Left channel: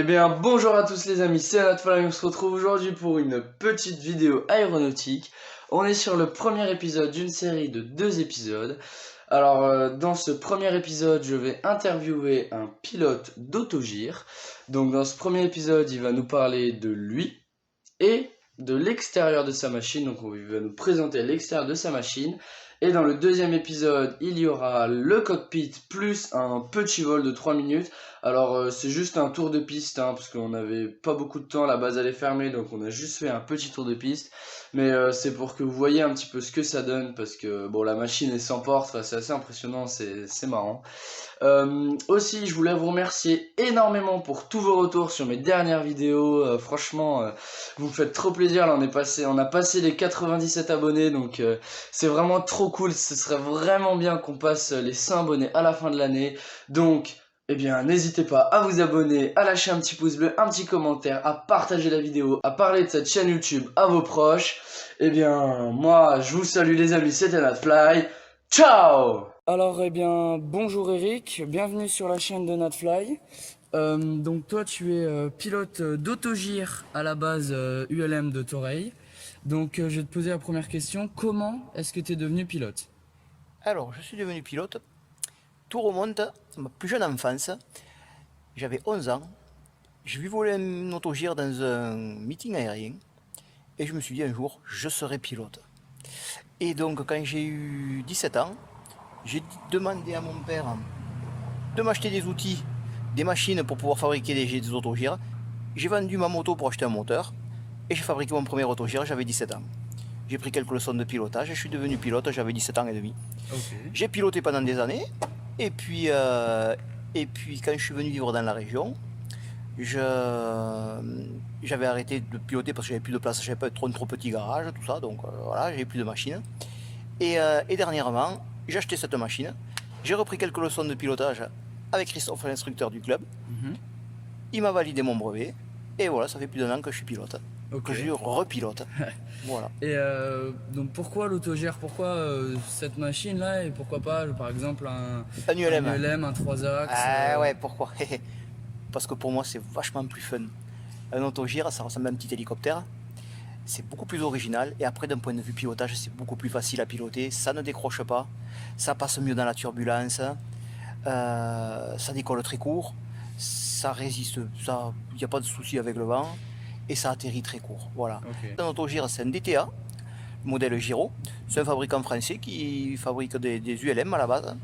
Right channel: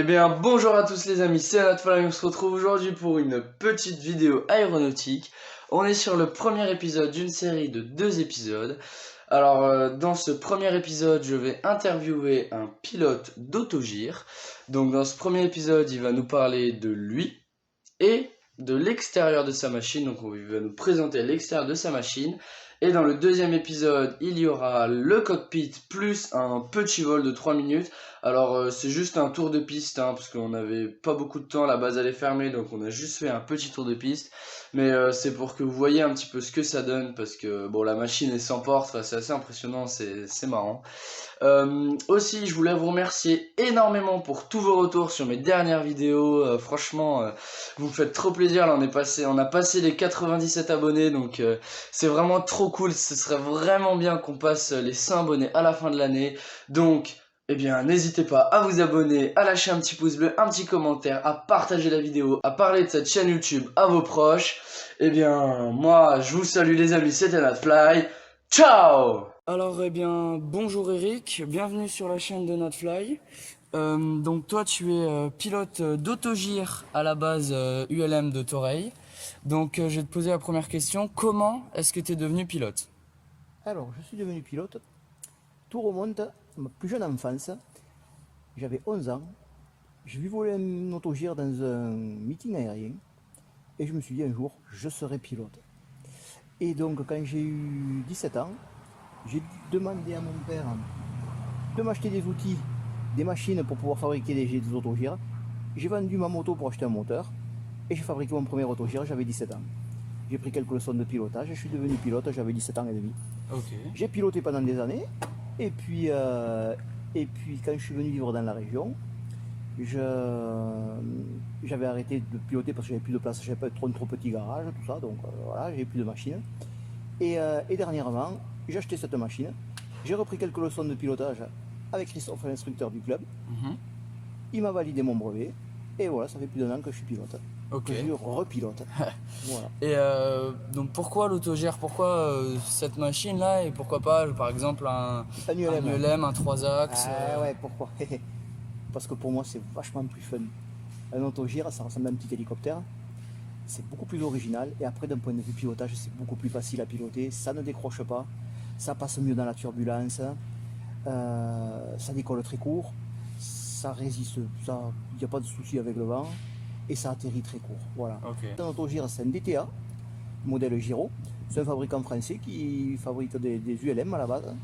Eh bien, bonjour à tous les amis, c'est Anatole, on se retrouve aujourd'hui pour une petite vidéo aéronautique. On est sur le premier épisode d'une série de 2 épisodes. Alors, dans ce premier épisode, je vais interviewer un pilote d'autogire. Donc, dans ce premier épisode, il va nous parler de lui et de l'extérieur de sa machine. Donc, il va nous présenter l'extérieur de sa machine. Et dans le deuxième épisode, il y aura le cockpit plus un petit vol de 3 minutes. Alors c'est juste un tour de piste, hein, parce qu'on n'avait pas beaucoup de temps, la base elle est fermée, donc on a juste fait un petit tour de piste. Mais c'est pour que vous voyez un petit peu ce que ça donne, parce que bon, la machine est sans porte, enfin, c'est assez impressionnant, c'est marrant. Aussi, je voulais vous remercier énormément pour tous vos retours sur mes dernières vidéos. Franchement, vous me faites trop plaisir. Là, on a passé les 97 abonnés, donc c'est vraiment trop cool. Ce serait vraiment bien qu'on passe les 100 abonnés à la fin de l'année. Donc, eh bien, n'hésitez pas à vous abonner, à lâcher un petit pouce bleu, un petit commentaire, à partager la vidéo, à parler de cette chaîne YouTube à vos proches. Eh bien, moi, je vous salue les amis, c'était Natfly. Ciao! Alors, eh bien, bonjour Eric, bienvenue sur la chaîne de Natfly. Donc toi, tu es pilote d'autogire à la base ULM de Toreil. Donc, je vais te poser la première question. Comment est-ce que tu es devenu pilote? Alors, je suis devenu pilote. Tout remonte à ma plus jeune enfance. J'avais 11 ans. J'ai vu voler un autogire dans un meeting aérien. Et je me suis dit un jour, je serai pilote. Et donc, quand j'ai eu 17 ans, j'ai demandé à mon père de m'acheter des outils, des machines pour pouvoir fabriquer des autogires. J'ai vendu ma moto pour acheter un moteur. Et j'ai fabriqué mon premier autogire, j'avais 17 ans. J'ai pris quelques leçons de pilotage, je suis devenu pilote, j'avais 17 ans et demi. Ok. J'ai piloté pendant des années, et puis quand je suis venu vivre dans la région, j'avais arrêté de piloter parce que j'avais plus de place, j'avais pas trop petit garage, tout ça, donc voilà, j'avais plus de machine. Et dernièrement, j'ai acheté cette machine, j'ai repris quelques leçons de pilotage avec Christophe, l'instructeur du club. Il m'a validé mon brevet, et voilà, ça fait plus d'un an que je suis pilote. Ok. Que je repilote. Voilà. Et donc pourquoi l'autogère? Pourquoi cette machine-là et pourquoi pas, par exemple, un ULM. ULM, un 3 axes Ah ouais, pourquoi? Parce que pour moi, c'est vachement plus fun. Un autogire, ça ressemble à un petit hélicoptère. C'est beaucoup plus original. Et après, d'un point de vue pilotage, c'est beaucoup plus facile à piloter. Ça ne décroche pas. Ça passe mieux dans la turbulence. Ça décolle très court. Ça résiste. Il n'y a pas de souci avec le vent. Et ça atterrit très court. Voilà. Ok. Un autogire, c'est un DTA, modèle Giro. C'est un fabricant français qui fabrique des ULM à la base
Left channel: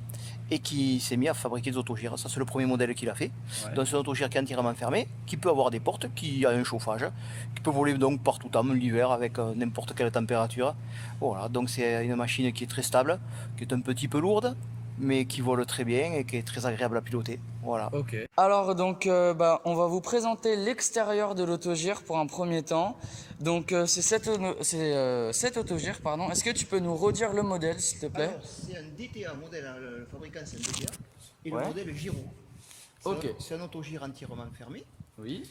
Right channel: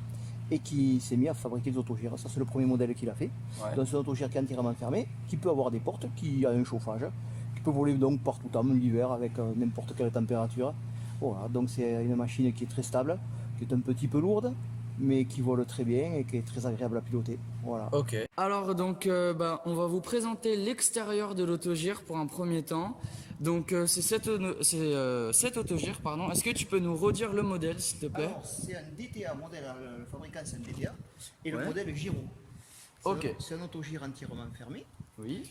et qui s'est mis à fabriquer des autogires. Ça, c'est le premier modèle qu'il a fait. Ouais. Donc, c'est un autogire qui est entièrement fermé, qui peut avoir des portes, qui a un chauffage, qui peut voler donc partout en l'hiver avec n'importe quelle température. Voilà, donc c'est une machine qui est très stable, qui est un petit peu lourde, mais qui vole très bien et qui est très agréable à piloter. Voilà. Ok. Alors donc on va vous présenter l'extérieur de l'autogire pour un premier temps. Donc c'est cet autogire, pardon. Est-ce que tu peux nous redire le modèle, s'il te plaît? Alors, c'est un DTA modèle, le fabricant c'est un DTA, et Ouais. le modèle Giro. Ok. C'est un autogire entièrement fermé, Oui.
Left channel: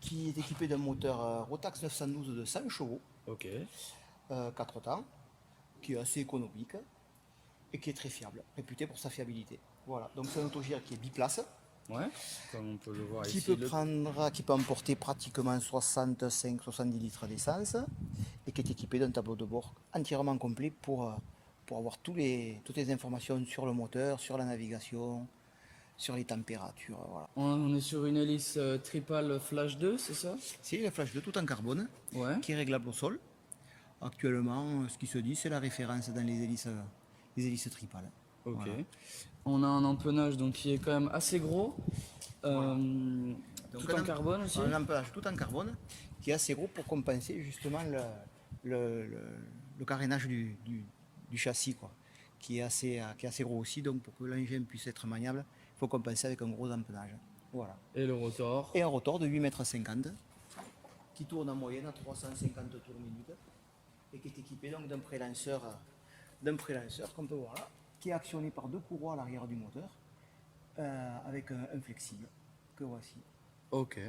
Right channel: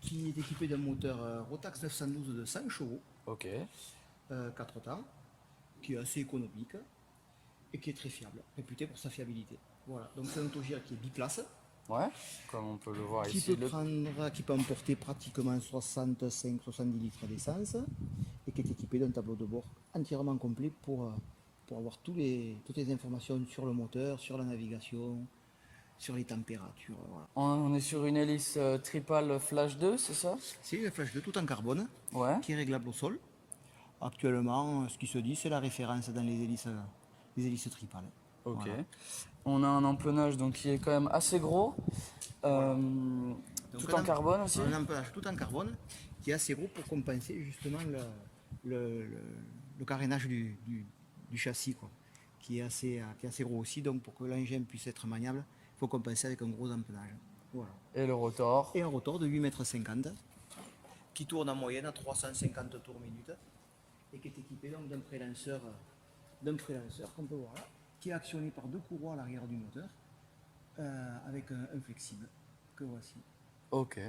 qui est équipé d'un moteur Rotax 912 de 100 chevaux, Ok. 4 temps, qui est assez économique et qui est très fiable, réputé pour sa fiabilité. Voilà, donc c'est un autogire qui est biplace, Ouais. Comme on peut le voir qui ici. qui peut emporter pratiquement 65-70 litres d'essence et qui est équipé d'un tableau de bord entièrement complet pour avoir toutes les informations sur le moteur, sur la navigation, sur les températures. Voilà. On est sur une hélice Tripal Flash 2, c'est ça? C'est une Flash 2 tout en carbone, Ouais. qui est réglable au sol. Actuellement, ce qui se dit, c'est la référence dans les hélices Tripal. Ok. Voilà. On a un empennage donc qui est quand même assez gros. Voilà. Tout Donc, en carbone aussi. Un empennage tout en carbone qui est assez gros pour compenser justement le carénage du châssis, quoi, qui est assez gros aussi. Donc pour que l'engin puisse être maniable, il faut compenser avec un gros empennage. Voilà. Et le rotor. Et un rotor de 8,50 m qui tourne en moyenne à 350 tours minute et qui est équipé donc d'un prélanceur qu'on peut voir là, qui est actionné par 2 courroies à l'arrière du moteur avec un flexible que voici. Ok.